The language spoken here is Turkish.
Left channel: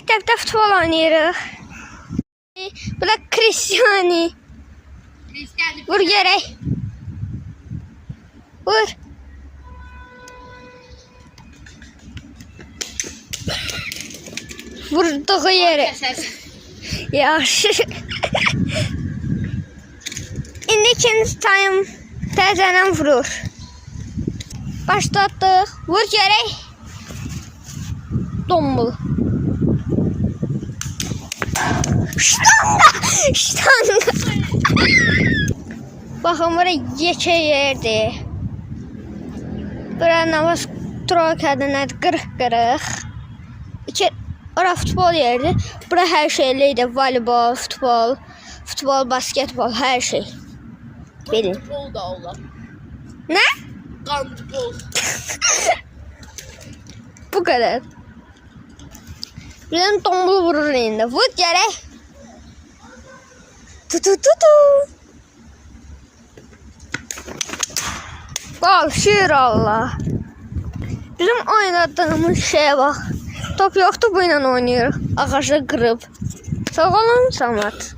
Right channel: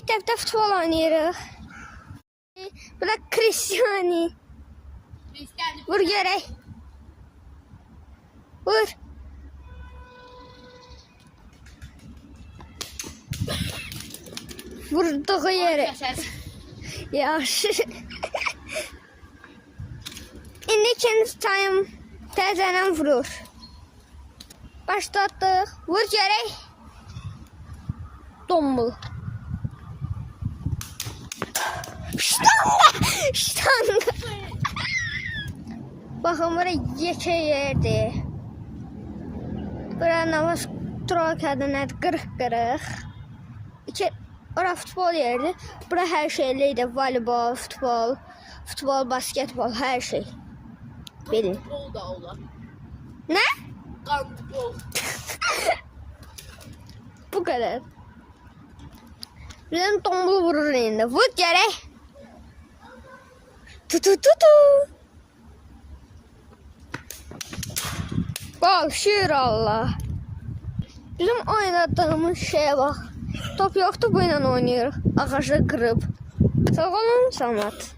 məktəbdə futbol oynayırıq. Bu da Cristiano. Vur görək. Vur. Vurduğu yere. Yaxşı. İndi ikinci time təzədən vurur. Başlatdıq. Vur görək. Dombul. Ştanga. Baxın, bura yekə yerdir. Bura navaz troykadır, nədir? Qırıq-qırıq. Ora futbol yeridir. Bura hər şeyliydi. Voleybol, futbol, basketbol, hər şey. Bilin. Handbol da olar. Nə? Handbol. Bu kadar. Birden tombul vurur indi. Vur gerek. Tu. Gol, şiir Allah. Bizim oynadığımız şeye bak. Top yoktu, bu ile oynuyoruz. Ağaçı kırıp. Sağ olun, Samat.